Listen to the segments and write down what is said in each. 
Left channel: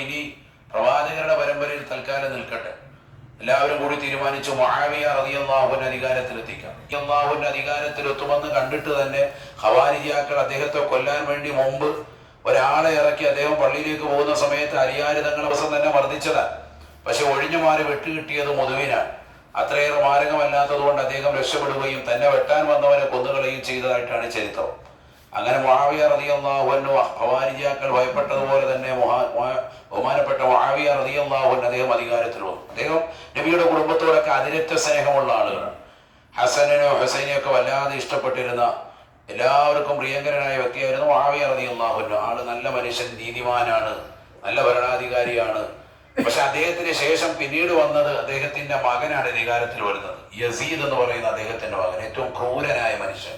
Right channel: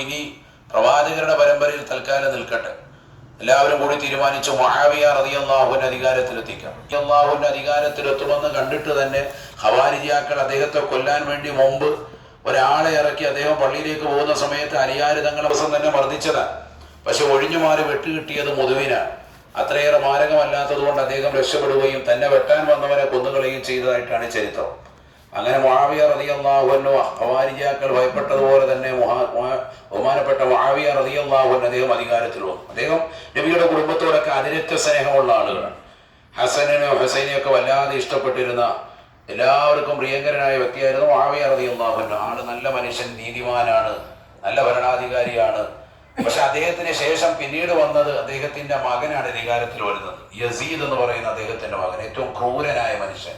ഇനി പ്രവാചകരുടെ പരമ്പരയിൽ തൽക്കാലം നിൽക്കട്ടെ. എല്ലാവരും കൂടി തീരുമാനിച്ചു മുആവിയ റളിയല്ലാഹുവിന്റെ അധികാരത്തിലെത്തിക്കാം. അള്ളാഹുവിന്റെ അധികാരത്തിലെത്തുമെന്ന് കണ്ടിട്ട് തന്നെ ഖവാരിജിയാക്കൾ അദ്ദേഹത്തെ കൊല്ലാൻ വേണ്ടി മുമ്പ് ഒരാളെ ഇറക്കി അദ്ദേഹം പള്ളിയിലേക്ക് പോകുന്ന സമയത്ത് അലിയാര് തങ്ങളുടെ ദിവസം തന്നെ മർദ്ദിച്ചതാണ്. പക്ഷെ ഒഴിഞ്ഞുമാറി വെട്ടുകിട്ടിയത് മുതുവിനാണ്. അത്രയേറെ മാരകമല്ലാത്തത് കൊണ്ട് അദ്ദേഹം രക്ഷപ്പെടുകയും തന്നെ വെട്ടാൻ വന്നവരെ കൊന്നുകളയുകയും ചെയ്തതായിട്ടാണ് ചരിത്രം. അങ്ങനെ മുആവിയ റളിയല്ലാഹു അൻഹു ഖവാരിജിയാക്കൾ ഭയപ്പെട്ടതുപോലെ തന്നെ ബഹുമാനപ്പെട്ട മുആവിയ റളിയല്ലാഹു അൻഹു അദ്ദേഹം അധികാരത്തിൽ വന്നു. അദ്ദേഹം നബിയുടെ കുടുംബത്തോടൊക്കെ അതിരറ്റ സ്നേഹമുള്ള ആളുകളാണ്. ഹസനെയോ ഹുസൈനെയോ ഒക്കെ വല്ലാതെ ഇഷ്ടപ്പെട്ടിരുന്ന എല്ലാവർക്കും പ്രിയങ്കരനായ വ്യക്തിയായിരുന്നു മുആവിയ റളിയല്ലാഹു അൻഹു. ആള് നല്ല മനുഷ്യൻ, നീതിമാനാണ്, നല്ല ഭരണാധികാരിയാണ്. പക്ഷെ അദ്ദേഹത്തിന് ശേഷം പിന്നീട് വന്നത് അദ്ദേഹത്തിന്റെ മകനാണ് അധികാരത്തിൽ വരുന്നത്. യസീദ് എന്ന് പറയുന്ന അദ്ദേഹത്തിന്റെ മകൻ, ഏറ്റവും ക്രൂരനായ മനുഷ്യൻ.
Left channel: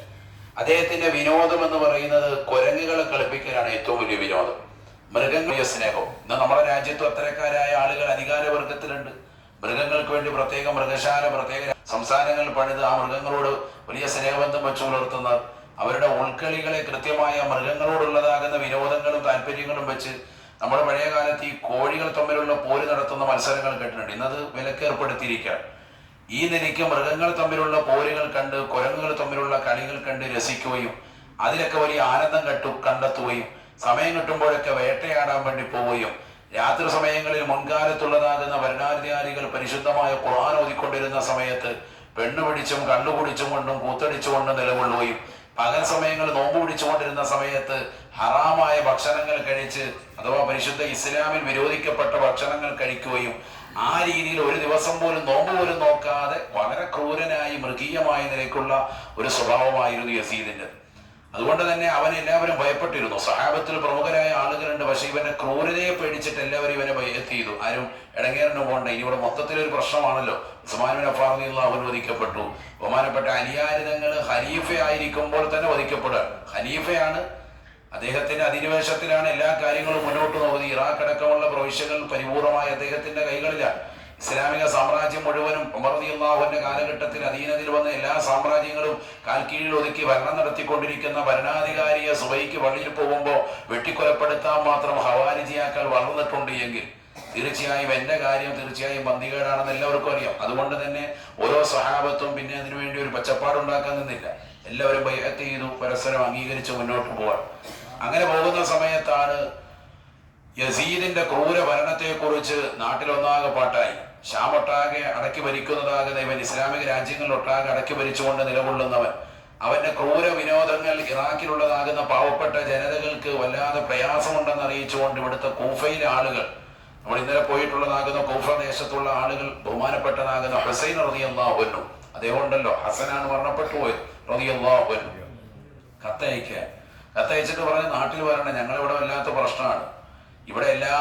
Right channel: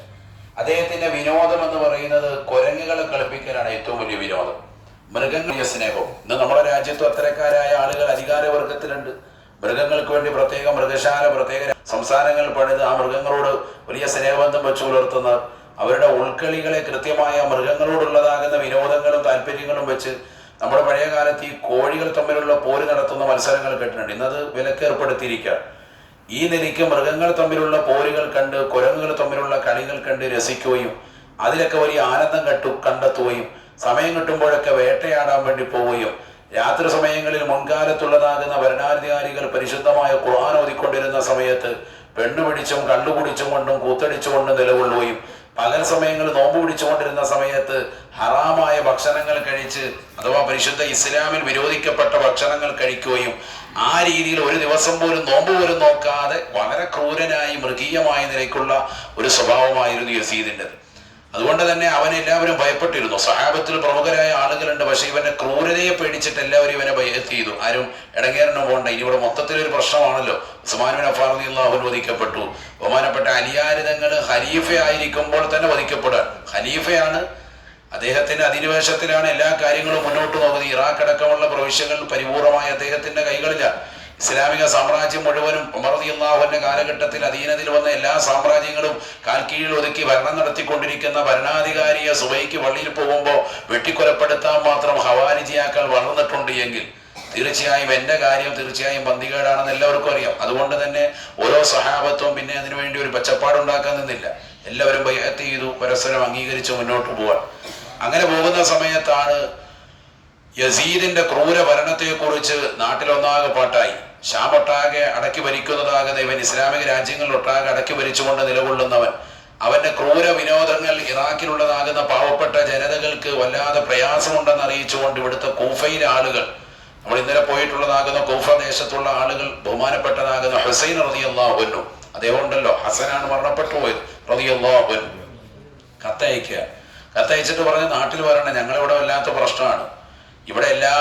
അദ്ദേഹത്തിന്റെ വിനോദം എന്ന് പറയുന്നത് കുരങ്ങുകളെ കളിപ്പിക്കലാണ് ഏറ്റവും വലിയ വിനോദം. മൃഗങ്ങളുടെ സ്നേഹവും. ഇന്ന് നമ്മുടെ രാജ്യത്തും അത്തരക്കാരായ ആളുകൾ അധികാരവർഗത്തിലുണ്ട്. മൃഗങ്ങൾക്ക് വേണ്ടി പ്രത്യേക മൃഗശാല, പ്രത്യേക സംസ്ഥാനങ്ങൾ പണിത് ആ മൃഗങ്ങളോട് വലിയ സ്നേഹബന്ധം വെച്ചു പുലർത്തുന്ന, അവരുടെ ഉൾക്കളികളെ കൃത്യമായ മൃഗങ്ങളോടുള്ളതാകുന്ന വിനോദങ്ങളും താല്പര്യങ്ങളും വെച്ച് നമ്മുടെ പഴയ കാലത്ത് ഈ കോഴികൾ തമ്മിലുള്ള പോര് നടത്തുന്ന മത്സരങ്ങൾ കേട്ടിട്ടുണ്ട്. ഇന്നത് വിലക്കേർപ്പെടുത്തിയിരിക്കുകയാണ്. ഈ നിലയ്ക്ക് മൃഗങ്ങൾ തമ്മിലുള്ള പോരുകൾ കണ്ട്, കുരങ്ങുകൾ തമ്മിലുള്ള കളികൾ കണ്ട് രസിക്കുകയും അതിലൊക്കെ വലിയ ആനന്ദം കണ്ടെത്തുകയും സമയം കിട്ടുമ്പോഴൊക്കെ വേട്ടയാടാൻ വേണ്ടി പോവുകയും രാത്രി സമയങ്ങളിൽ മുൻകാലത്തുള്ളതാകുന്ന ഭരണാധികാരികൾ പരിശുദ്ധമായ ഖുർആൻ ഓതിക്കൊണ്ടിരുന്ന സമയത്ത് പെണ്ണു പിടിച്ചും കള്ളുകുടിച്ചും കൊണ്ടും കൂത്തടിച്ചുകൊണ്ടും നിലകൊള്ളുകയും പകൽ സമയങ്ങളിൽ നോമ്പ് പിടിച്ചുകൊണ്ടിരുന്ന സമയത്ത് ഹറാമായ ഭക്ഷണങ്ങൾ കഴിച്ച്, അഥവാ പരിശുദ്ധ ഇസ്ലാമിൽ വിരോധിക്കപ്പെട്ട ഭക്ഷണങ്ങൾ കഴിക്കുകയും ആ രീതിയിൽ ഒരു ദിവസം പോലും നോമ്പ് പോലും നോക്കാതെ വളരെ ക്രൂരനായി മൃഗീയമായ നിലയ്ക്കുള്ള ഒരു സ്വഭാവമായിരുന്നു യസീദിൻ്റെത്. അതുകൊണ്ട് തന്നെ അവൻ എല്ലാവരും ഭയപ്പെട്ടിരുന്നു. സഹാബത്തിൽ പ്രമുഖരായ ആളുകളുണ്ട്, പക്ഷെ ഇവന്റെ ക്രൂരതയെ പേടിച്ചിട്ട് എല്ലാവരും ഇവനെ ബൈഅത്ത് ചെയ്തു. ആരും ഇടങ്ങേറിന് പോകണ്ട, ഇനി ഇവിടെ മൊത്തത്തിലൊരു പ്രശ്നമാണല്ലോ. ഉസ്മാൻ ബിൻ അഫ്ഫാൻ റളിയല്ലാഹു അൻഹു വധിക്കപ്പെട്ടു. ബഹുമാനപ്പെട്ട അലിയാര് തങ്ങൾ ഖലീഫ ആയിരിക്കുമ്പോൾ തന്നെ വധിക്കപ്പെടുക. ഖലീഫയാണ്, അദ്ദേഹത്തിന്റെ അധിനിവേശത്തിലാണ് എല്ലാ കാര്യങ്ങളും മുന്നോട്ട് നോക്കുന്നത്. ഇറാഖ് അടക്കമുള്ള പ്രവിശ്യകൾ പരിപൂർണമായി അദ്ദേഹത്തിന്റെ കൈകളിലാണ്. ഇസ്ലാമിക സാമ്രാജ്യം മുഴുവനും ഉമർ റളിയല്ലാഹു അൻഹു കാലഘട്ടത്തിൽ അധീനതയിൽ വന്ന എല്ലാ സാമ്രാജ്യങ്ങളും കാൽക്കീഴിൽ ഒതുക്കി ഭരണം നടത്തിക്കൊണ്ടിരിക്കുന്ന ഭരണാധികാരിയെ സുബഹിക്ക് പള്ളിയിൽ പോകുമ്പോൾ വെട്ടിക്കൊലപ്പെടുത്താൻ മാത്രം ഖവാരിജിയാക്കൾ വളർന്നിട്ടുണ്ട് എങ്കിൽ തീർച്ചയായും എന്റെ കാര്യം തീർച്ചയായും പന്തികേടാണെന്ന് എല്ലാവർക്കും അറിയാം. അതുകൊണ്ട് തന്നെ ഓരോ സഹാബത്തും പിന്നെ അതിനുവേണ്ടി ഒരു പച്ചപ്പാടുണ്ടാക്കാൻ നിന്നില്ല. എല്ലാവരും ബൈഅത്ത് ചെയ്തു, പരസ്പരം അംഗീകരിച്ച് മുന്നോട്ട് പോവാൻ. അങ്ങനെ പോകുന്ന സമയത്താണ് യസീദിന്റെ ക്രൂര ഭരണത്തെക്കുറിച്ച് നാട്ടിലൊന്നാകെ പാട്ടായി. ഷാമൊട്ടാകെ അടക്കി ഭരിക്കുന്നതാകുന്ന ഇവൻ, ഇസ്ലാമിക രാജ്യങ്ങളിലൊട്ടാകെ അടക്കി ഭരിച്ചുകൊണ്ട് നിലകൊള്ളുന്നവൻ, അവന്റെ ക്രൂര വിനോദങ്ങൾ ഇറാഖിലുള്ളതാകുന്ന പാവപ്പെട്ട ജനതകൾക്ക് വല്ലാതെ പ്രയാസമുണ്ടെന്ന് അറിയിച്ചുകൊണ്ട് ഇവിടുത്തെ കൂഫയിലെ ആളുകൾ, നമ്മൾ ഇന്നലെ പോയിട്ടുള്ളതാകുന്ന കൂഫ ദേശത്തുള്ള ആളുകൾ, ബഹുമാനപ്പെട്ടതാകുന്ന ഹുസൈൻ റളിയല്ലാഹു അൻഹു, അദ്ദേഹം ഉണ്ടല്ലോ, ഹസനാണ് മരണപ്പെട്ടു പോയത് റളിയല്ലാഹു അൻഹു, കത്തയക്കുക. കത്തയച്ചിട്ട് പറഞ്ഞ് നാട്ടിൽ വരണം, ഞങ്ങളിവിടെ വല്ലാത്ത പ്രശ്നമാണ്, ഇവിടെ എല്ലാ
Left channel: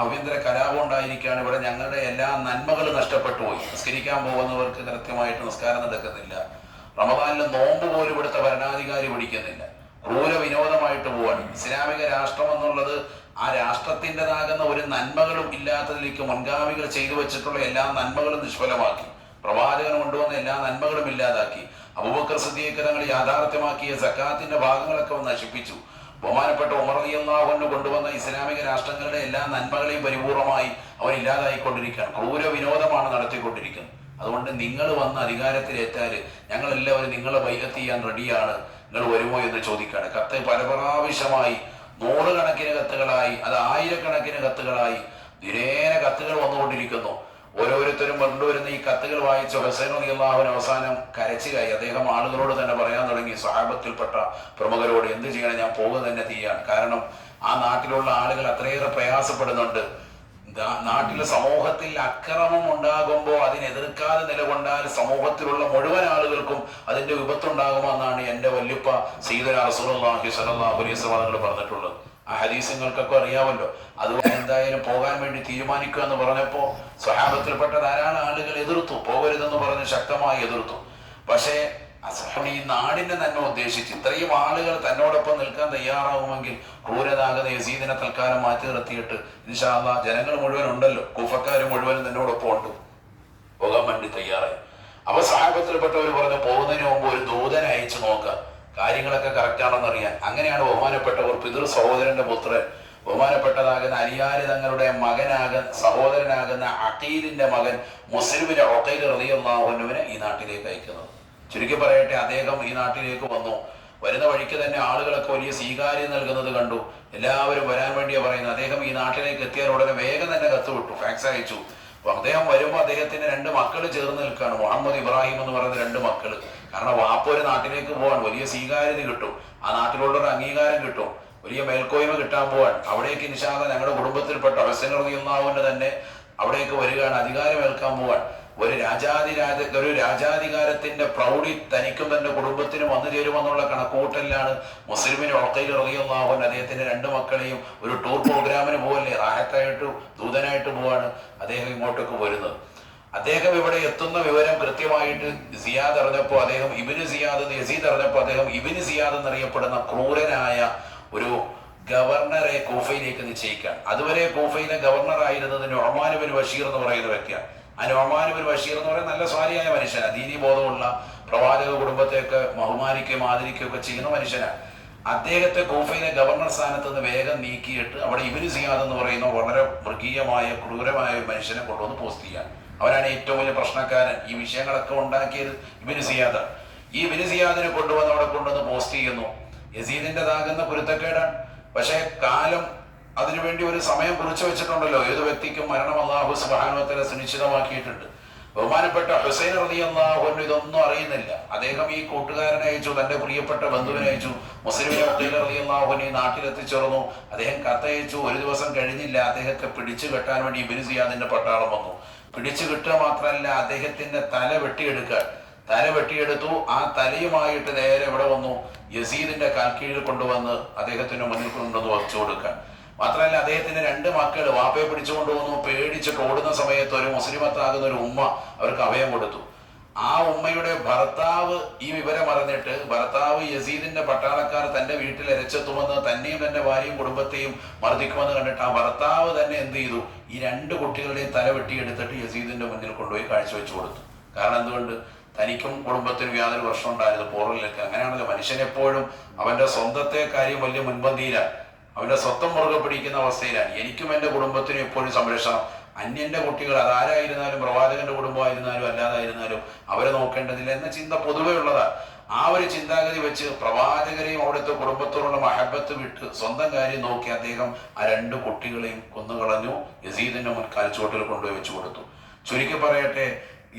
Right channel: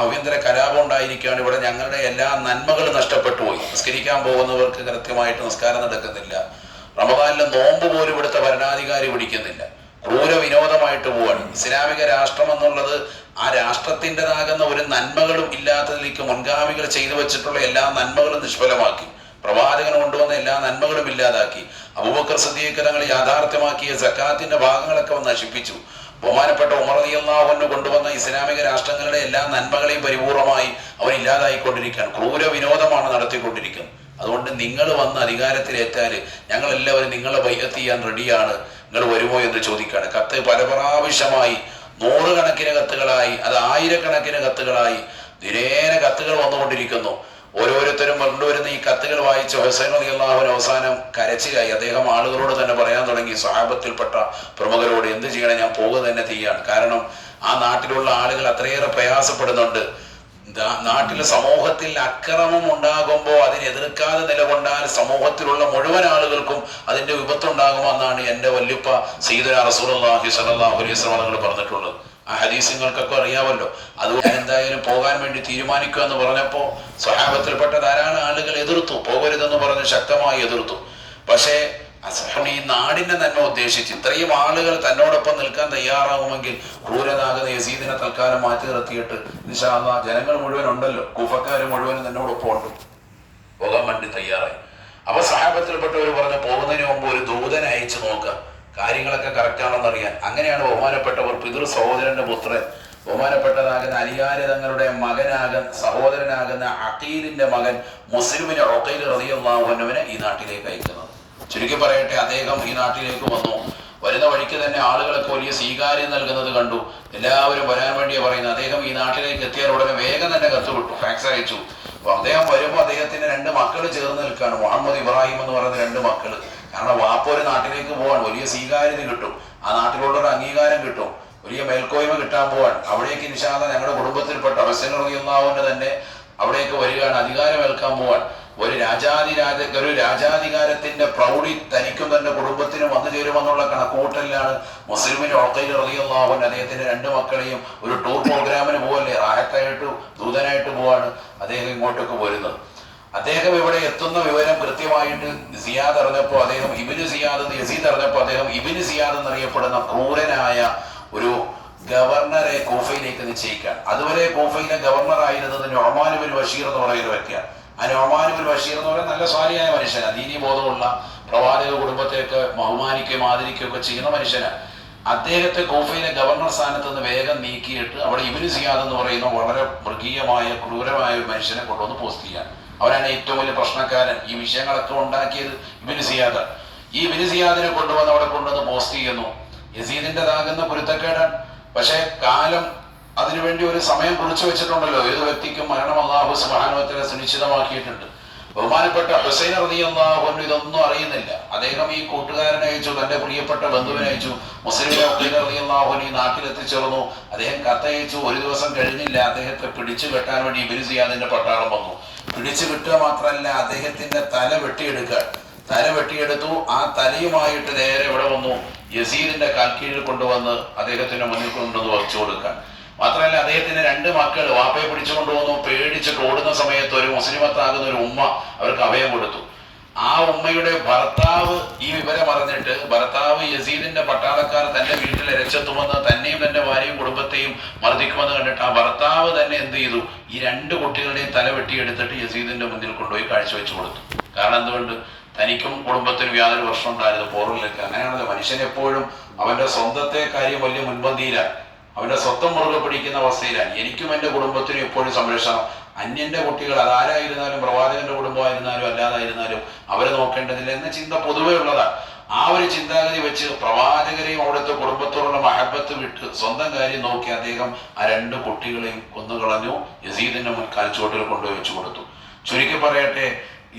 ആഭ്യന്തര കലാപം ഉണ്ടായിരിക്കുകയാണ്, ഇവിടെ ഞങ്ങളുടെ എല്ലാ നന്മകളും നഷ്ടപ്പെട്ടു പോയി. നിസ്കരിക്കാൻ പോകുന്നവർക്ക് കൃത്യമായിട്ട് നിസ്കാരം നടക്കുന്നില്ല, റമദാനിലെ നോമ്പ് പോലും ഇവിടുത്തെ ഭരണാധികാരി പിടിക്കുന്നില്ല, ക്രൂര വിനോദമായിട്ട് പോവാണ്. ഇസ്ലാമിക രാഷ്ട്രം എന്നുള്ളത് ആ രാഷ്ട്രത്തിൻ്റെതാകുന്ന ഒരു നന്മകളും ഇല്ലാത്തതിലേക്ക് മുൻഗാമികൾ ചെയ്തു വെച്ചിട്ടുള്ള എല്ലാ നന്മകളും നിഷ്ഫലമാക്കി. പ്രവാചകൻ കൊണ്ടുവന്ന എല്ലാ നന്മകളും ഇല്ലാതാക്കി. അബൂബക്കർ സിദ്ദീഖ് തങ്ങൾ യാഥാർത്ഥ്യമാക്കിയ സക്കാത്തിന്റെ ഭാഗങ്ങളൊക്കെ നശിപ്പിച്ചു. ബഹുമാനപ്പെട്ട ഉമർ റളിയല്ലാഹു അൻഹു കൊണ്ടുവന്ന ഇസ്ലാമിക രാഷ്ട്രങ്ങളുടെ എല്ലാ നന്മകളെയും പരിപൂർണമായി അവൻ ഇല്ലാതായിക്കൊണ്ടിരിക്കുകയാണ്. ക്രൂര വിനോദമാണ് നടത്തിക്കൊണ്ടിരിക്കുന്നത്. അതുകൊണ്ട് നിങ്ങൾ വന്ന് അധികാരത്തിലേറ്റാൽ ഞങ്ങൾ എല്ലാവരും നിങ്ങളെ ബൈഅത്ത് ചെയ്യാൻ റെഡിയാണ്, നിങ്ങൾ വരുമോ എന്ന് ചോദിക്കുകയാണ്. കത്ത് പല പ്രാവശ്യമായി, നൂറുകണക്കിന് കത്തുകളായി, അത് ആയിരക്കണക്കിന് കത്തുകളായി ദിനേന കത്തുകൾ വന്നുകൊണ്ടിരിക്കുന്നു. ഓരോരുത്തരും കൊണ്ടുവരുന്ന ഈ കത്തുകൾ വായിച്ച ഹുസൈൻ റളിയല്ലാഹു അൻഹു അവസാനം കരച്ചിലായി. അദ്ദേഹം ആളുകളോട് തന്നെ പറയാൻ തുടങ്ങി, സ്വഹാബത്തിൽപ്പെട്ട പ്രമുഖരോട്, എന്ത് ചെയ്യണം, ഞാൻ പോവുക തന്നെ ചെയ്യാണ്. കാരണം ആ നാട്ടിലുള്ള ആളുകൾ അത്രയേറെ പ്രയാസപ്പെടുന്നുണ്ട്. നാട്ടിലെ സമൂഹത്തിൽ അക്രമം ഉണ്ടാകുമ്പോൾ അതിനെതിർക്കാതെ നിലകൊണ്ടാൽ സമൂഹത്തിലുള്ള മുഴുവൻ ആളുകൾക്കും അതിന്റെ വിപത്തുണ്ടാകുമെന്നാണ് എൻ്റെ വല്യുപ്പ സയ്യിദുനാ റസൂലുള്ളാഹി സ്വല്ലല്ലാഹു അലൈഹി വസല്ലം തങ്ങൾ പറഞ്ഞിട്ടുള്ളത്. ആ ഹദീസ് നിങ്ങൾക്കൊക്കെ അറിയാമല്ലോ. അതുകൊണ്ട് ഞാൻ എന്തായാലും പോകാൻ വേണ്ടി തീരുമാനിക്കുക എന്ന് പറഞ്ഞപ്പോൾ സ്വഹാബത്തിൽപ്പെട്ട ധാരാളം ആളുകൾ എതിർത്തു, പോകരുതെന്ന് പറഞ്ഞ് ശക്തമായി എതിർത്തു. പക്ഷേ ഈ നാടിന്റെ നന്മ ഉദ്ദേശിച്ച് ഇത്രയും ആളുകൾ തന്നോടൊപ്പം നിൽക്കാൻ തയ്യാറാകുമെങ്കിൽ ക്രൂരനാകുന്ന യസീദിനെ തൽക്കാലം മാറ്റി നിർത്തിയിട്ട് ഇൻഷാ അല്ലാഹ് ജനങ്ങൾ മുഴുവൻ ഉണ്ടല്ലോ, കൂഫക്കാർ മുഴുവനും തന്നോടൊപ്പം ഉണ്ട്, പോകാൻ വേണ്ടി തയ്യാറായി. അപ്പൊ സ്വഹാബത്തിൽപ്പെട്ടവർ പറഞ്ഞു, പോകുന്നതിന് മുമ്പ് ഒരു ദൂതനെ അയച്ചു നോക്കുക, കാര്യങ്ങളൊക്കെ കറക്റ്റാണെന്ന് അറിയാൻ. അങ്ങനെയാണ് ബഹുമാനപ്പെട്ടവർ പിതൃ സഹോദരന്റെ പുത്രൻ ബഹുമാനപ്പെട്ടതാകുന്ന അലിയാര് തങ്ങളുടെ സഹോദരനാകുന്ന അഖീലിന്റെ മകൻ മുസ്ലിമിനെ ഉഖൈൽ റളിയല്ലാഹു അൻഹുവിനെ ഈ നാട്ടിലേക്ക് അയക്കുന്നത്. ചുരുക്കി പറയട്ടെ, അദ്ദേഹം ഈ നാട്ടിലേക്ക് വന്നു. വരുന്ന വഴിക്ക് തന്നെ ആളുകളൊക്കെ വലിയ സ്വീകാര്യം നൽകുന്നത് കണ്ടു. എല്ലാവരും വരാൻ വേണ്ടിയാണ് പറയുന്നത്. അദ്ദേഹം ഈ നാട്ടിലേക്ക് എത്തിയാൽ ഉടനെ വേഗം തന്നെ കത്ത് വിട്ടു, ഫാക്സ് അയച്ചു. അപ്പൊ അദ്ദേഹം വരുമ്പോൾ അദ്ദേഹത്തിന് 2 മക്കൾ ചേർന്ന് നിൽക്കുകയാണ്, മുഹമ്മദ് ഇബ്രാഹിം എന്ന് പറയുന്ന 2 മക്കൾ. കാരണം വാപ്പ ഒരു നാട്ടിലേക്ക് പോവാൻ വലിയ സ്വീകാര്യത കിട്ടും, ആ നാട്ടിലുള്ളൊരു അംഗീകാരം കിട്ടും, വലിയ മേൽക്കോയ്മ കിട്ടാൻ പോവാൻ. അവിടേക്ക് ഇൻഷാ അല്ലാഹ് ഞങ്ങളുടെ കുടുംബത്തിൽപ്പെട്ട ഹുസൈൻ റളിയല്ലാഹു അൻഹു തന്നെ അവിടേക്ക് വരികയാണ്, അധികാരമേൽക്കാൻ പോവാൻ. ഒരു രാജാധികാരത്തിന്റെ പ്രൗഢി തനിക്കും തന്റെ കുടുംബത്തിനും വന്നു ചേരുമെന്നുള്ള കണക്കുകൂട്ടലിലാണ് മുസ്ലിമിന് ഉഖൈൽ റളിയല്ലാഹു അൻഹു അദ്ദേഹത്തിന്റെ 2 മക്കളെയും ഒരു ടൂർ പ്രോഗ്രാമിന് പോവല്ലേ, റാഹത്തായിട്ട് ദൂതനായിട്ട് പോവാണ് അദ്ദേഹം ഇങ്ങോട്ടേക്ക് വരുന്നത്. അദ്ദേഹം ഇവിടെ എത്തുന്ന വിവരം കൃത്യമായിട്ട് സിയാദ് അറിഞ്ഞപ്പോൾ അദ്ദേഹം യസീദ് അറിഞ്ഞപ്പോൾ അദ്ദേഹം ഇബ്നു സിയാദ് എന്നറിയപ്പെടുന്ന ക്രൂരനായ ഒരു ഗവർണറെ കൂഫയിലേക്ക് നിശ്ചയിക്കാൻ. അതുവരെ കൂഫയിലെ ഗവർണർ ആയിരുന്നത് നുഅ്മാൻ ഇബ്നു ബഷീർ എന്ന് പറയുന്ന വ്യക്തിയാണ്. ആ നുഅ്മാൻ ഇബ്നു ബഷീർ എന്ന് പറയുന്ന നല്ല സ്വാലിഹായ മനുഷ്യനാണ്, ദീനീ ബോധമുള്ള, പ്രവാചക കുടുംബത്തെയൊക്കെ ബഹുമാനിക്കുകയും ആദരിക്കുകയും ഒക്കെ ചെയ്യുന്ന മനുഷ്യനാണ്. അദ്ദേഹത്തെ കൂഫയിലെ ഗവർണർ സ്ഥാനത്ത് നിന്ന് വേഗം നീക്കിയിട്ട് അവിടെ ഇബ്നു സിയാദ് എന്ന് പറയുന്ന വളരെ മൃഗീയമായ ക്രൂരമായ ഒരു മനുഷ്യനെ കൊണ്ടുവന്ന് പോസ്റ്റ് ചെയ്യാൻ. അവരാണ് ഏറ്റവും വലിയ പ്രശ്നക്കാരൻ. ഈ വിഷയങ്ങളൊക്കെ ഉണ്ടാക്കിയത് ഇബ്നു സിയാദ്. ഈ ഇബ്നു സിയാദിനെ കൊണ്ടുവന്ന് അവിടെ കൊണ്ടുവന്ന് പോസ്റ്റ് ചെയ്യുന്നു. യസീദിൻ്റെതാകുന്ന പൊരുത്തക്കേടാണ്. പക്ഷെ കാലം അതിനുവേണ്ടി ഒരു സമയം കുറിച്ചു വെച്ചിട്ടുണ്ടല്ലോ. ഏത് വ്യക്തിക്കും മരണം അല്ലാഹു സുബ്ഹാനഹു വ തആല സുനിശ്ചിതമാക്കിയിട്ടുണ്ട്. ബഹുമാനപ്പെട്ട ഹുസൈൻ റളിയല്ലാഹു അൻഹു ഇതൊന്നും അറിയുന്നില്ല. അദ്ദേഹം ഈ കൂട്ടുകാരനെ അയച്ചു, തന്റെ പ്രിയപ്പെട്ട ബന്ധുവിനെ അയച്ചു. മുസ്ലിം റളിയല്ലാഹു അൻഹു ഈ നാട്ടിലെത്തിച്ചേർന്നു. അദ്ദേഹം കത്തയച്ചു. ഒരു ദിവസം കഴിഞ്ഞില്ല, അദ്ദേഹത്തെ പിടിച്ചു കെട്ടാൻ വേണ്ടി ഇബ്നു സിയാദിന്റെ പട്ടാളം വന്നു. പിടിച്ചു കിട്ടുക മാത്രമല്ല, അദ്ദേഹത്തിന്റെ തല വെട്ടിയെടുത്തു. ആ തലയുമായിട്ട് നേരെ ഇവിടെ വന്നു, യസീദിന്റെ കാൽക്കീഴിൽ കൊണ്ടുവന്ന് അദ്ദേഹത്തിന്റെ മുന്നിൽ കൊണ്ടുവന്ന് വച്ചു കൊടുക്കാൻ. മാത്രമല്ല, അദ്ദേഹത്തിന് 2 മക്കൾ വാപ്പയെ പിടിച്ചുകൊണ്ടുവന്നു. പേടിച്ചിട്ട് ഓടുന്ന സമയത്ത് ഒരു മുസ്ലിമത്താകുന്ന ഒരു ഉമ്മ അവർക്ക് അഭയം കൊടുത്തു. ആ ഉമ്മയുടെ ഭർത്താവ് ഈ വിവരം അറിഞ്ഞിട്ട്, ഭർത്താവ് യസീദിന്റെ പട്ടാളക്കാർ തന്റെ വീട്ടിൽ ഇരച്ചെത്തുമെന്ന്, തന്നെയും തന്റെ ഭാര്യയും കുടുംബത്തെയും മർദ്ദിക്കുമെന്ന് കണ്ടിട്ട് ആ ഭർത്താവ് തന്നെ എന്ത് ചെയ്തു, ഈ 2 കുട്ടികളുടെയും തല വെട്ടിയെടുത്തിട്ട് യസീദിന്റെ മുന്നിൽ കൊണ്ടുപോയി കാഴ്ചവെച്ചു കൊടുത്തു. കാരണം എന്തുകൊണ്ട്? തനിക്കും കുടുംബത്തിനും യാതൊരു പ്രശ്നം ഉണ്ടായിരുന്നു, പോറിലേക്ക്. അങ്ങനെയാണല്ലോ മനുഷ്യൻ എപ്പോഴും അവന്റെ സ്വന്തത്തെ കാര്യം വലിയ മുൻപന്തിയിലാണ്, അവന്റെ സ്വന്തം മുറുകെ പിടിക്കുന്ന അവസ്ഥയിലാണ്. എനിക്കും എന്റെ കുടുംബത്തിനും എപ്പോഴും സംരക്ഷണം. അന്യന്റെ കുട്ടികൾ അതാരായിരുന്നാലും, പ്രവാചകന്റെ കുടുംബമായിരുന്നാലും അല്ലാതായിരുന്നാലും അവരെ നോക്കേണ്ടതില്ല എന്ന ചിന്ത പൊതുവെ ഉള്ളതാണ്. ആ ഒരു ചിന്താഗതി വെച്ച് പ്രവാചകരെയും അവിടുത്തെ കുടുംബത്തോടുള്ള മഹബത്ത് വിട്ട് സ്വന്തം കാര്യം നോക്കി അദ്ദേഹം ആ 2 കുട്ടികളെയും കൊന്നുകളഞ്ഞു. യസീദിന്റെ കാൽച്ചുവട്ടിൽ കൊണ്ടുപോയി വെച്ചു കൊടുത്തു. ചുരുക്കി പറയട്ടെ,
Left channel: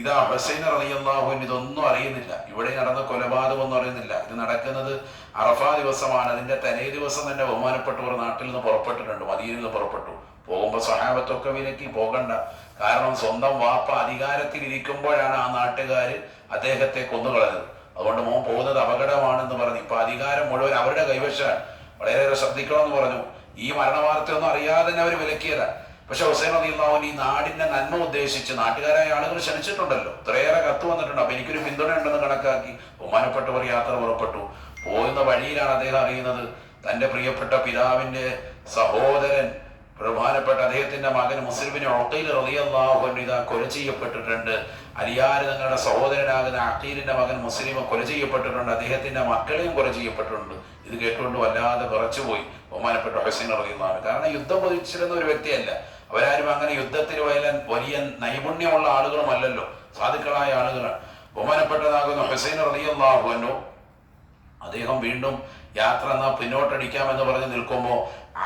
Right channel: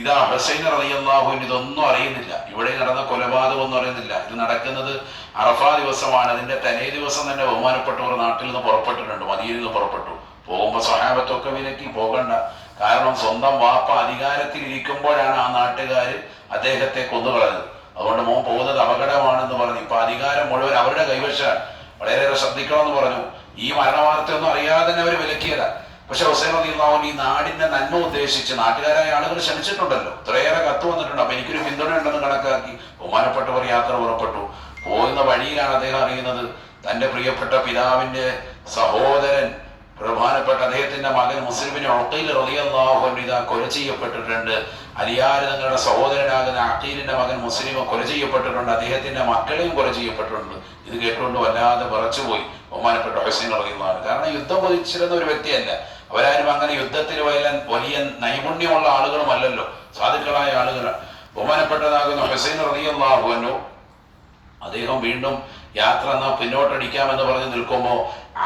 ഇതാ ഹുസൈൻ റളിയല്ലാഹു അൻഹു ഇതൊന്നും അറിയുന്നില്ല. ഇവിടെ നടന്ന കൊലപാതകമൊന്നും അറിയുന്നില്ല. ഇത് നടക്കുന്നത് അറഫാ ദിവസമാണ്. അതിന്റെ തലേ ദിവസം തന്നെ ബഹുമാനപ്പെട്ടവർ നാട്ടിൽ നിന്ന് പുറപ്പെട്ടിട്ടുണ്ട്, മദീനയിൽ നിന്ന് പുറപ്പെട്ടു. പോകുമ്പോൾ സ്വഹാബത്തൊക്കെ വിലക്കി പോകണ്ട. കാരണം സ്വന്തം വാപ്പ അധികാരത്തിൽ ഇരിക്കുമ്പോഴാണ് ആ നാട്ടുകാര് അദ്ദേഹത്തെ കൊന്നുകളഞ്ഞത്. അതുകൊണ്ട് മോൻ പോകുന്നത് അപകടമാണെന്ന് പറഞ്ഞു. ഇപ്പൊ അധികാരം മുഴുവൻ അവരുടെ കൈവശമാണ്, വളരെയേറെ ശ്രദ്ധിക്കണമെന്ന് പറഞ്ഞു. ഈ മരണവാർത്തയൊന്നും അറിയാതെ തന്നെ അവർ വിലക്കിയതാ. പക്ഷെ ഹുസൈൻ റളിയല്ലാഹു അൻഹു ഈ നാടിന്റെ നന്മ ഉദ്ദേശിച്ച് നാട്ടുകാരായ ആളുകൾ ക്ഷണിച്ചിട്ടുണ്ടല്ലോ, ഇത്രയേറെ കത്ത് വന്നിട്ടുണ്ട്. അപ്പൊ എനിക്കൊരു പിന്തുണ ഉണ്ടെന്ന് കണക്കാക്കി ബഹുമാനപ്പെട്ടവർ യാത്ര പുറപ്പെട്ടു. പോകുന്ന വഴിയിലാണ് അദ്ദേഹം അറിയുന്നത്, തന്റെ പ്രിയപ്പെട്ട പിതാവിന്റെ സഹോദരൻ, ബഹുമാനപ്പെട്ട അദ്ദേഹത്തിന്റെ മകൻ മുസ്ലിമിന് ഉഖൈൽ റളിയല്ലാഹു അൻഹു ഇതാ കൊല ചെയ്യപ്പെട്ടിട്ടുണ്ട്. അലിയാര് തങ്ങളുടെ സഹോദരനാകുന്ന അഖീലിന്റെ മകൻ മുസ്ലിം കൊല ചെയ്യപ്പെട്ടിട്ടുണ്ട്. അദ്ദേഹത്തിന്റെ മക്കളെയും കൊല ചെയ്യപ്പെട്ടിട്ടുണ്ട്. ഇത് കേട്ടുകൊണ്ട് വല്ലാതെ വിറച്ചുപോയി ബഹുമാനപ്പെട്ട ഹുസൈൻ റളിയല്ലാഹു അൻഹു. കാരണം യുദ്ധം പൊതിച്ചിരുന്ന ഒരു വ്യക്തിയല്ല. അവരാരും അങ്ങനെ യുദ്ധത്തിൽ വലിയ നൈപുണ്യമുള്ള ആളുകളുമല്ലല്ലോ, സാധുക്കളായ ആളുകളാണ്. ബഹുമാനപ്പെട്ടതാകുന്ന ഹുസൈൻ റളിയല്ലാഹു അൻഹു അദ്ദേഹം വീണ്ടും യാത്ര പിന്നോട്ടടിക്കാമെന്ന് പറഞ്ഞ് നിൽക്കുമ്പോൾ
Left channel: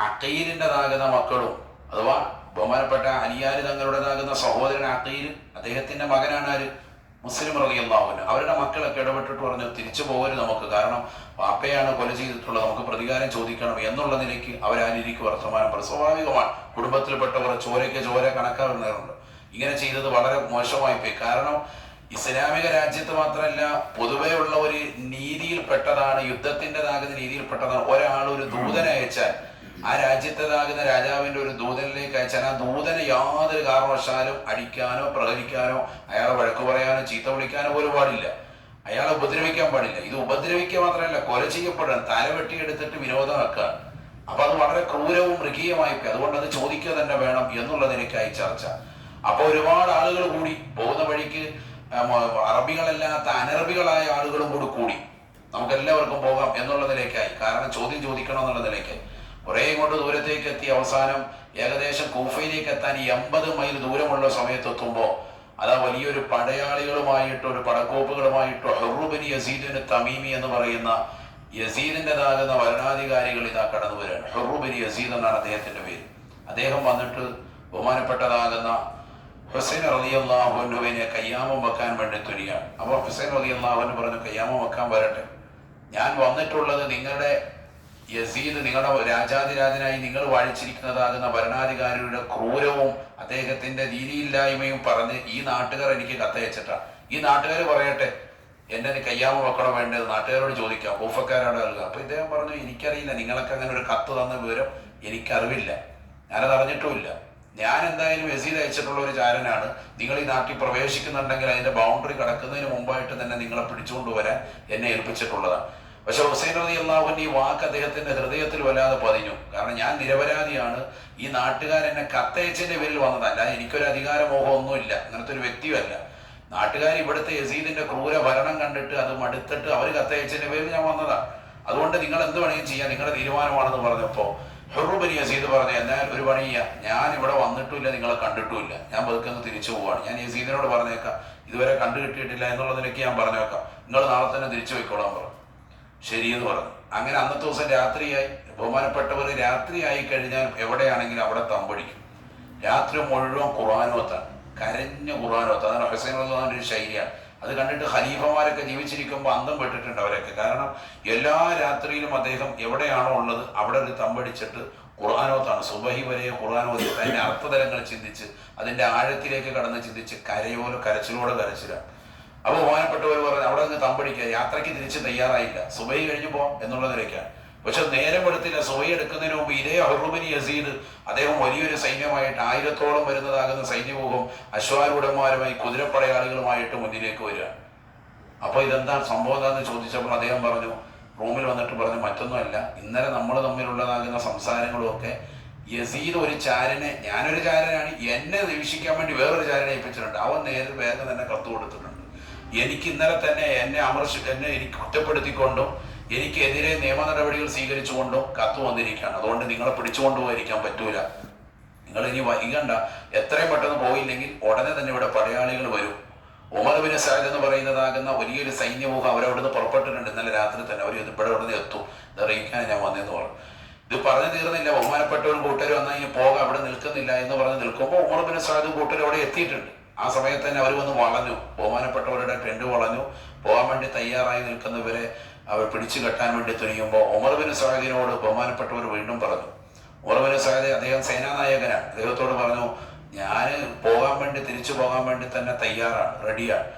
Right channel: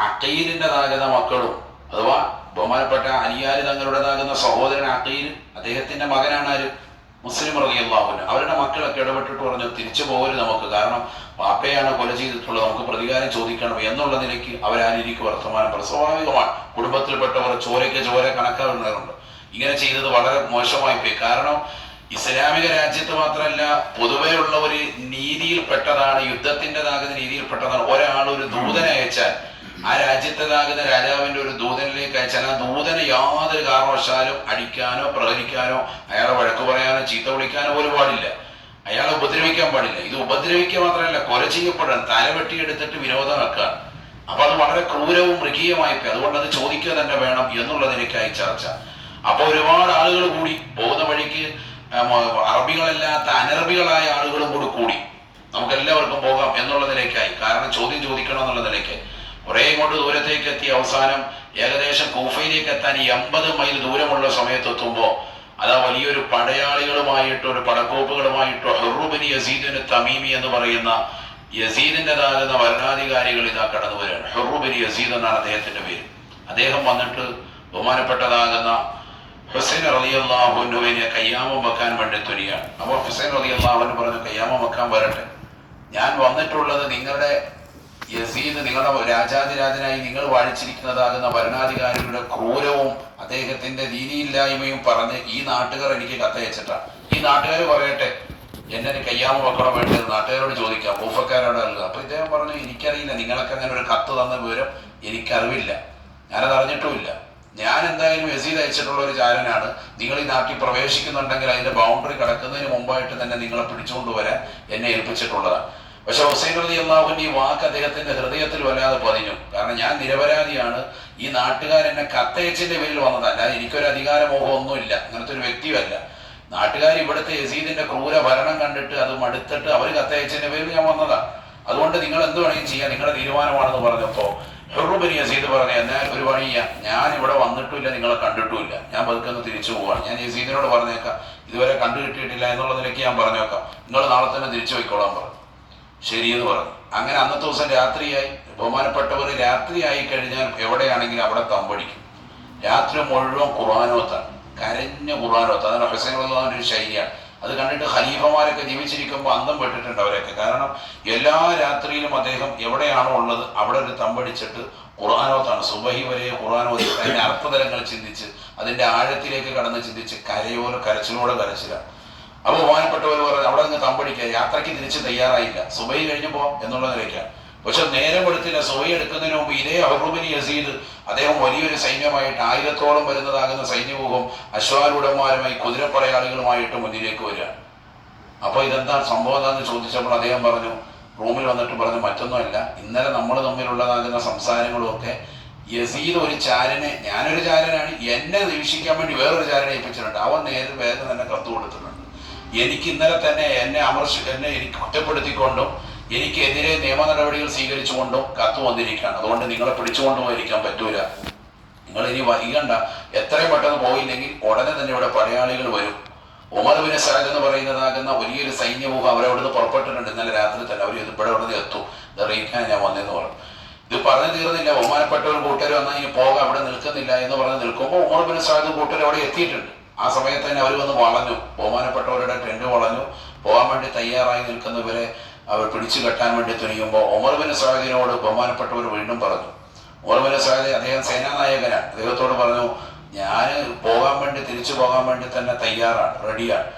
അഖീലിൻ്റെതാകുന്ന മക്കളും, അഥവാ ബഹുമാനപ്പെട്ട അലിയാര് തങ്ങളുടേതാകുന്ന സഹോദരൻ അഖീൽ, അദ്ദേഹത്തിന്റെ മകനാണ് ആര്, മുസ്ലിം റളിയല്ലാഹു അൻഹു. അവരുടെ മക്കളൊക്കെ ഇടപെട്ടിട്ട് പറഞ്ഞു, തിരിച്ചു പോകരുത് നമുക്ക്, കാരണം വാപ്പയാണ് കൊല ചെയ്തിട്ടുള്ളത്, നമുക്ക് പ്രതികാരം ചോദിക്കണം എന്നുള്ള നിലയ്ക്ക് അവരാരിക്കും വർത്തമാനം പറയും. സ്വാഭാവികമാണ്, കുടുംബത്തിൽപ്പെട്ടവർ ചോരയ്ക്ക് ചോര കണക്കാവുന്നവരുണ്ട്. ഇങ്ങനെ ചെയ്തത് വളരെ മോശമായി പോയി. കാരണം ഇസ്ലാമിക രാജ്യത്ത് മാത്രമല്ല, പൊതുവേ ഉള്ള ഒരു നീതിയിൽപ്പെട്ടതാണ്, യുദ്ധത്തിൻ്റെതാകുന്ന രീതിയിൽപ്പെട്ടതാണ്. ഒരാൾ ഒരു ദൂതനെ അയച്ചാൽ, ആ രാജ്യത്തേതാകുന്ന രാജാവിന്റെ ഒരു ദൂതനിലേക്ക് അയച്ചാൽ, ആ ദൂതനെ യാതൊരു കാരണവശാലും അടിക്കാനോ പ്രഹരിക്കാനോ അയാളെ വഴക്ക് പറയാനോ ചീത്ത വിളിക്കാനോ പോലും പാടില്ല, അയാളെ ഉപദ്രവിക്കാൻ പാടില്ല. ഇത് ഉപദ്രവിക്കുക മാത്രമല്ല, കൊല ചെയ്യപ്പെടാൻ, തല വെട്ടിയെടുത്തിട്ട് വിനോദമാക്കാൻ. അപ്പൊ അത് വളരെ ക്രൂരവും മൃഗീയമായി പോയി. അതുകൊണ്ട് അത് ചോദിക്കുക തന്നെ വേണം എന്നുള്ളതിലേക്കായി ചർച്ച. അപ്പൊ ഒരുപാട് ആളുകൾ കൂടി പോകുന്ന വഴിക്ക്, അറബികളല്ലാത്ത അനറബികളായ ആളുകളും കൂടി നമുക്ക് എല്ലാവർക്കും പോകാം എന്നുള്ള നിലയ്ക്കായി. കാരണം ചോദ്യം ചോദിക്കണം എന്നുള്ള നിലയ്ക്കായി. കുറേ ഇങ്ങോട്ട് ദൂരത്തേക്ക് എത്തി അവസാനം ഏകദേശം കൂഫയിലേക്ക് എത്താൻ 80 മൈൽ ദൂരമുള്ള സമയത്തെത്തുമ്പോൾ അതാ വലിയൊരു പടയാളികളുമായിട്ട് ഒരു പടക്കോപ്പുകളുമായിട്ട് ഹുറൂബിന് യസീദിന് തമീമി എന്ന് പറയുന്ന യസീദിൻ്റെതാകുന്ന ഭരണാധികാരികൾ ഇതാ കടന്നു വരികയാണ്. ഹുറൂബിന് യസീദ് എന്നാണ് അദ്ദേഹത്തിന്റെ പേര്. അദ്ദേഹം വന്നിട്ട് ബഹുമാനപ്പെട്ടതാകുന്ന ഹുസൈൻ റളിയല്ലാഹു അൻഹുവിനെ കയ്യാമം വെക്കാൻ വേണ്ടി തുനിയാണ്. അപ്പോൾ ഹുസൈൻ റളിയല്ലാഹു അൻഹു പറഞ്ഞു, കയ്യാമം വെക്കാൻ വരട്ടെ, ഞാൻ വന്നിട്ടുള്ളത് നിങ്ങളുടെ യസീദ്, നിങ്ങളുടെ രാജാതിരാജനായി നിങ്ങൾ വാഴിച്ചിരിക്കുന്നതാകുന്ന ഭരണാധികാരികളുടെ ക്രൂരവും അദ്ദേഹത്തിന്റെ ദീനിയില്ലായ്മയും പറഞ്ഞ് ഈ നാട്ടുകാർ എനിക്ക് കത്തയച്ചിട്ടാണ്. ഈ നാട്ടുകാർ പറയട്ടെ എന്നെ കയ്യാമം വെക്കണം വേണ്ടത്, നാട്ടുകാരോട് ചോദിക്കാം, കൂഫക്കാരോട് നൽകുക. അപ്പൊ ഇദ്ദേഹം പറഞ്ഞു, എനിക്കറിയില്ല, നിങ്ങൾക്ക് അങ്ങനെ ഒരു കത്ത് തന്ന വിവരം എനിക്കറിവില്ല, ഞാനത് അറിഞ്ഞിട്ടുമില്ല. ഞാൻ എന്തായാലും യസീദ് അയച്ചിട്ടുള്ള ഒരു ചാരനാണ്. നിങ്ങൾ ഈ നാട്ടിൽ പ്രവേശിക്കുന്നുണ്ടെങ്കിൽ അതിന്റെ ബൗണ്ടറി കടക്കുന്നതിന് മുമ്പായിട്ട് തന്നെ നിങ്ങളെ പിടിച്ചുകൊണ്ടുവരാൻ എന്നെ ഏൽപ്പിച്ചിട്ടുള്ളതാണ്. പക്ഷെ ഹുസൈൻ റളിയല്ലാഹുവിന്റെ ഈ വാക്ക് അദ്ദേഹത്തിന്റെ ഹൃദയത്തിൽ വല്ലാതെ പതിഞ്ഞു. കാരണം ഞാൻ നിരപരാധിയാണ്, ഈ നാട്ടുകാരെന്നെ കത്തയച്ചിന്റെ പേരിൽ വന്നതല്ല, എനിക്കൊരു അധികാരമോഹം ഒന്നുമില്ല, അങ്ങനത്തെ ഒരു വ്യക്തിയല്ല. നാട്ടുകാർ ഇവിടുത്തെ യസീദിന്റെ ക്രൂര ഭരണം കണ്ടിട്ട് അത് മടുത്തിട്ട് അവർ കത്തയച്ചിന്റെ പേരിൽ ഞാൻ വന്നതാണ്. അതുകൊണ്ട് നിങ്ങൾ എന്ത് വേണമെങ്കിലും ചെയ്യാം, നിങ്ങളുടെ തീരുമാനമാണെന്ന് പറഞ്ഞപ്പോ ഹുറൂബിന് യസീദ് പറഞ്ഞു, എന്നാൽ ഒരു പണി ചെയ്യാം, ഞാൻ ഇവിടെ വന്നിട്ടുമില്ല, നിങ്ങളെ കണ്ടിട്ടുമില്ല, ഞാൻ പതുക്കെ തിരിച്ചു പോവാണ്. ഞാൻ യസീദിനോട് പറഞ്ഞേക്കാം, ഇതുവരെ കണ്ടു കിട്ടിയിട്ടില്ല എന്നുള്ള നിലയ്ക്ക് ഞാൻ പറഞ്ഞേക്കാം, നിങ്ങൾ നാളെ തന്നെ തിരിച്ചു പോയിക്കോളാൻ പറഞ്ഞു. ശരിയെന്ന് പറഞ്ഞു. അങ്ങനെ അന്നത്തെ ദിവസം രാത്രിയായി. ബഹുമാനപ്പെട്ടവർ രാത്രിയായി കഴിഞ്ഞാൽ എവിടെയാണെങ്കിലും അവിടെ തമ്പടിക്കും. രാത്രി മുഴുവൻ ഖുർആനോത്താണ്, കരഞ്ഞ ഖുർആനോത്ത്. അതാണ് ഹുസൈൻ റളിയല്ലാഹുവിന്റെ ഒരു ശൈലിയാണ്. അത് കണ്ടിട്ട് ഖലീഫമാരൊക്കെ ജീവിച്ചിരിക്കുമ്പോൾ അന്തം പെട്ടിട്ടുണ്ട് അവരൊക്കെ. കാരണം എല്ലാ രാത്രിയിലും അദ്ദേഹം എവിടെയാണോ ഉള്ളത് അവിടെ ഒരു തമ്പടിച്ചിട്ട് ഖുർആനോത്താണ്. സുബഹി വരെ ഖുർആനോത്ത് അതിന്റെ അർത്ഥതലങ്ങൾ ചിന്തിച്ച് അതിന്റെ ആഴത്തിലേക്ക് കടന്ന് ചിന്തിച്ച് കരച്ചിലോടെ കരച്ചിലാണ്. അപ്പൊ ബഹുമാനപ്പെട്ടവർ പറഞ്ഞു, അവിടെ നിന്ന് തമ്പടിക്കുക, യാത്രയ്ക്ക് തിരിച്ച് തയ്യാറായില്ല, സുബഹി കഴിഞ്ഞു പോകാം എന്നുള്ള നിലയ്ക്കാണ്. പക്ഷെ നേരം എടുത്തില്ല. സുബഹി എടുക്കുന്നതിന് മുമ്പ് ഇതേ ഹുറൂബിന് യസീദ് അദ്ദേഹം വലിയൊരു സൈന്യമായിട്ട് 1000-ഓളം വരുന്നതാകുന്ന സൈന്യമുഖം അശ്വാരൂഢന്മാരുമായി കുതിരപ്പടയാളികളുമായിട്ട് മുന്നിലേക്ക് വരിക. അപ്പൊ ഇതെന്താ സംഭവം എന്താന്ന് ചോദിച്ചപ്പോൾ അദ്ദേഹം പറഞ്ഞു, റൂമിൽ വന്നിട്ട് പറഞ്ഞു, മറ്റൊന്നുമല്ല, ഇന്നലെ നമ്മൾ തമ്മിലുള്ളതാകുന്ന സംസാരങ്ങളും ഒക്കെ യസീദ് ഒരു ചാരനെ, ഞാനൊരു ചാരനാണ്, എന്നെ വീക്ഷിക്കാൻ വേണ്ടി വേറൊരു ചാരനെ ഏൽപ്പിച്ചിട്ടുണ്ട്, അവൻ വേഗം തന്നെ കത്ത് കൊടുത്തിട്ടുണ്ട്. എനിക്ക് ഇന്നലെ തന്നെ എന്നെ എനിക്ക് കുറ്റപ്പെടുത്തിക്കൊണ്ടും എനിക്കെതിരെ നിയമ നടപടികൾ സ്വീകരിച്ചുകൊണ്ടും കത്ത് വന്നിരിക്കുകയാണ്. അതുകൊണ്ട് നിങ്ങളെ പിടിച്ചുകൊണ്ടുപോയിരിക്കാൻ പറ്റൂല, നിങ്ങൾ ഇനി വൈകണ്ട, എത്രയും പെട്ടെന്ന് പോയില്ലെങ്കിൽ ഉടനെ തന്നെ ഇവിടെ പടയാളികൾ വരും. ഉമർ ബിൻ സഅദ് എന്ന് പറയുന്നതാകുന്ന വലിയൊരു സൈന്യമുഖം അവരവിടുന്ന് പുറപ്പെട്ടിട്ടുണ്ട്. ഇന്നലെ രാത്രി തന്നെ അവർ ഇവിടെ ഉടനെ എത്തും, ഇത് അറിയിക്കാൻ ഞാൻ വന്നതെന്ന് പറഞ്ഞു. ഇത് പറഞ്ഞു തീർന്നില്ല. ബഹുമാനപ്പെട്ടവരും കൂട്ടരും വന്നാൽ ഇനി പോകാം, അവിടെ നിൽക്കുന്നില്ല എന്ന് പറഞ്ഞ് നിൽക്കുമ്പോൾ ഉമർ ബിൻ സഅദ് കൂട്ടരും അവിടെ എത്തിയിട്ടുണ്ട്. ആ സമയത്ത് തന്നെ അവർ വന്ന് വളഞ്ഞു, ബഹുമാനപ്പെട്ടവരുടെ ടെന്റ് വളഞ്ഞു. പോകാൻ വേണ്ടി തയ്യാറായി നിൽക്കുന്നവരെ അവർ പിടിച്ചു കെട്ടാൻ വേണ്ടി തുനിയുമ്പോൾ ഉമർ ബിൻ സഅദിനോട് ബഹുമാനപ്പെട്ടവർ വീണ്ടും പറഞ്ഞു, ഉമർ ബിൻ സഅദ് അദ്ദേഹം സേനാനായകനാണ്, അദ്ദേഹത്തോട് പറഞ്ഞു, ഞാൻ തിരിച്ചു പോകാൻ വേണ്ടി തന്നെ തയ്യാറാണ്, റെഡിയാണ്,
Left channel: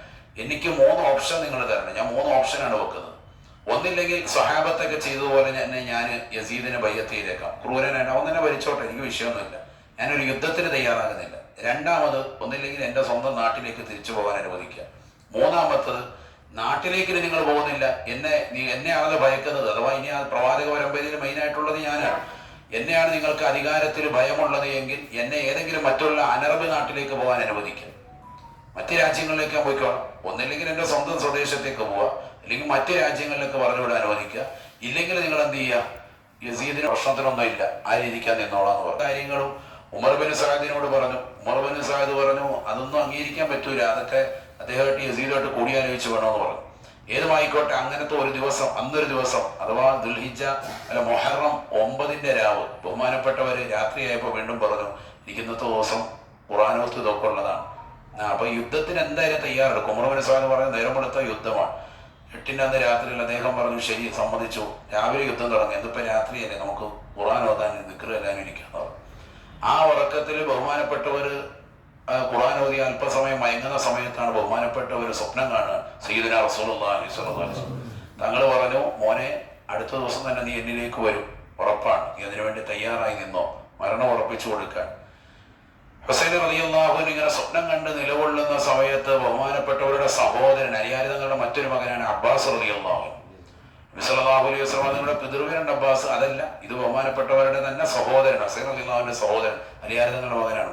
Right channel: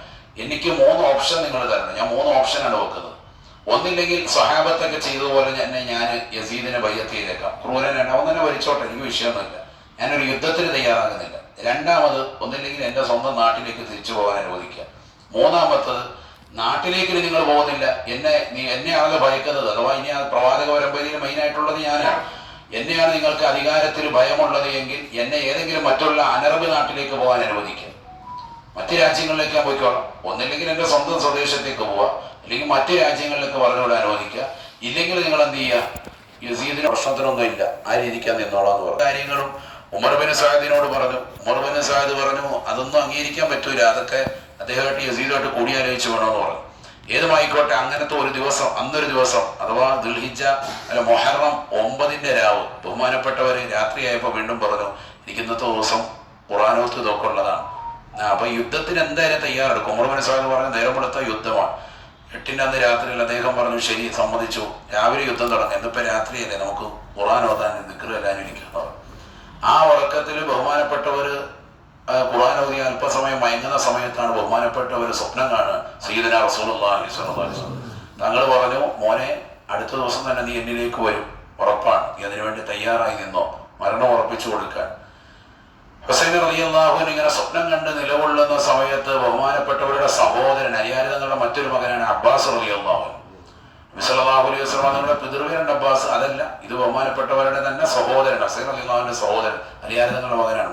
എനിക്ക് 3 ഓപ്ഷൻ നിങ്ങൾ തരണം. ഞാൻ 3 ഓപ്ഷനാണ് വെക്കുന്നത്. ഒന്നില്ലെങ്കിൽ സ്വഹാബത്തൊക്കെ ചെയ്തതുപോലെ ഞാൻ യസീദിനെ ബയ്യത്ത് ചെയ്തേക്കാം, ക്രൂരനാണ്, അവൻ തന്നെ ഭരിച്ചോട്ടെ, എനിക്ക് വിഷയമൊന്നുമില്ല, ഞാനൊരു യുദ്ധത്തിന് തയ്യാറാകുന്നില്ല. രണ്ടാമത്, ഒന്നില്ലെങ്കിൽ എൻ്റെ സ്വന്തം നാട്ടിലേക്ക് തിരിച്ചു പോകാൻ അനുവദിക്കുക. മൂന്നാമത്തത്, നാട്ടിലേക്ക് നിങ്ങൾ പോകുന്നില്ല, എന്നെയാണല്ലോ ഭയക്കുന്നത്, അഥവാ ഇനി ആ പ്രവാചക പരമ്പരയിൽ മെയിനായിട്ടുള്ളത് ഞാനാണ്, എന്നെയാണ് നിങ്ങൾക്ക് അധികാരത്തിൽ ഭയമുള്ളത് എങ്കിൽ എന്നെ ഏതെങ്കിലും മറ്റുള്ള അനറബ് നാട്ടിലേക്ക് പോകാൻ അനുവദിക്കുക, മറ്റ് രാജ്യങ്ങളിലേക്ക് ഞാൻ പോയിക്കോളാം. ഒന്നില്ലെങ്കിൽ എൻ്റെ സ്വന്തം സ്വദേശത്തേക്ക് പോവുക, അല്ലെങ്കിൽ മറ്റ് രാജ്യങ്ങളിലേക്ക് പറഞ്ഞുകൂടെ അനുവദിക്കുക. ഇല്ലെങ്കിൽ നിങ്ങൾ എന്ത് ചെയ്യുക, യസീദിന് പ്രശ്നത്തിനൊന്നും ഇല്ല, ആ രീതിക്കാൻ നിന്നോളാം എന്ന് പറഞ്ഞു. കാര്യങ്ങളും ഉമർ ബിൻ സഅദിനോട് പറഞ്ഞു. ഉമർ ബിൻ സഅദ് പറഞ്ഞു, അതൊന്നും അംഗീകരിക്കാൻ പറ്റൂല, അതൊക്കെ അദ്ദേഹമായിട്ട് യസീദുമായിട്ട് കൂടിയാലോചിച്ച് വേണമെന്ന് പറഞ്ഞു. ഏതുമായിക്കോട്ടെ, അങ്ങനത്തെ ഒരു ദിവസം, അന്നൊരു ദിവസം അഥവാ ദുൽഹിജ്ജ മുഹറം 9 രാവ് ബഹുമാനപ്പെട്ടവര് രാത്രിയായപ്പോൾ വീണ്ടും പറഞ്ഞു, എനിക്ക് ഇന്നത്തെ ദിവസം ഖുർആനോത്ത് ഇതൊക്കെ ഉള്ളതാണ്, അപ്പൊ യുദ്ധത്തിന് എന്തായാലും തയ്യാറെടുക്കും. ഉമർ ബിൻ സഅദ് പറഞ്ഞു, നേരം വെളുത്ത യുദ്ധമാണ്, 8-ന്റെ അന്ന് രാത്രിയിൽ. അദ്ദേഹം പറഞ്ഞു, ശരി, സമ്മതിച്ചു, രാവിലെ യുദ്ധം തുടങ്ങും, എന്നിപ്പോ രാത്രിയല്ലേ, നമുക്ക് ഖുർആനോത്താൻ ദിക്ർ എല്ലാവരും ഇരിക്കണം. ആ ഉറക്കത്തിൽ ബഹുമാനപ്പെട്ടവര് ഖുർആൻ ഓതി അല്പസമയം മയങ്ങുന്ന സമയത്താണ് ബഹുമാനപ്പെട്ടവർ സ്വപ്നം കാണുക, സയ്യിദുനാ റസൂലുള്ളാഹി സ്വല്ലല്ലാഹു അലൈഹി വസല്ലം. തങ്ങൾ പറഞ്ഞു, മോനെ, അടുത്ത ദിവസം തന്നെ നീ എന്നിലേക്ക് വരും, ഉറപ്പാണ്, നീ അതിനുവേണ്ടി തയ്യാറായി നിന്നോ, മരണം ഉറപ്പിച്ചു കൊടുക്കാൻ. ഹുസൈൻ റളിയല്ലാഹു അൻഹു ഇങ്ങനെ സ്വപ്നം കണ്ട് നിലകൊള്ളുന്ന സമയത്ത് ബഹുമാനപ്പെട്ടവരുടെ സഹോദരൻ, അലിയാർ തങ്ങളുടെ മറ്റൊരു മകനാണ് അബ്ബാസ് റളിയല്ലാഹു അൻഹു. നബി സല്ലല്ലാഹു അലൈഹി വസല്ലം തങ്ങളുടെ പിതൃവ്യനുണ്ട് അബ്ബാസ്, അതല്ല, ഇത് ബഹുമാനപ്പെട്ടവരുടെ തന്നെ സഹോദരൻ, ഹുസൈൻ റളിയല്ലാഹു അൻഹുവിന്റെ സഹോദരൻ, അലിയാർ തങ്ങളുടെ മകനാണ്.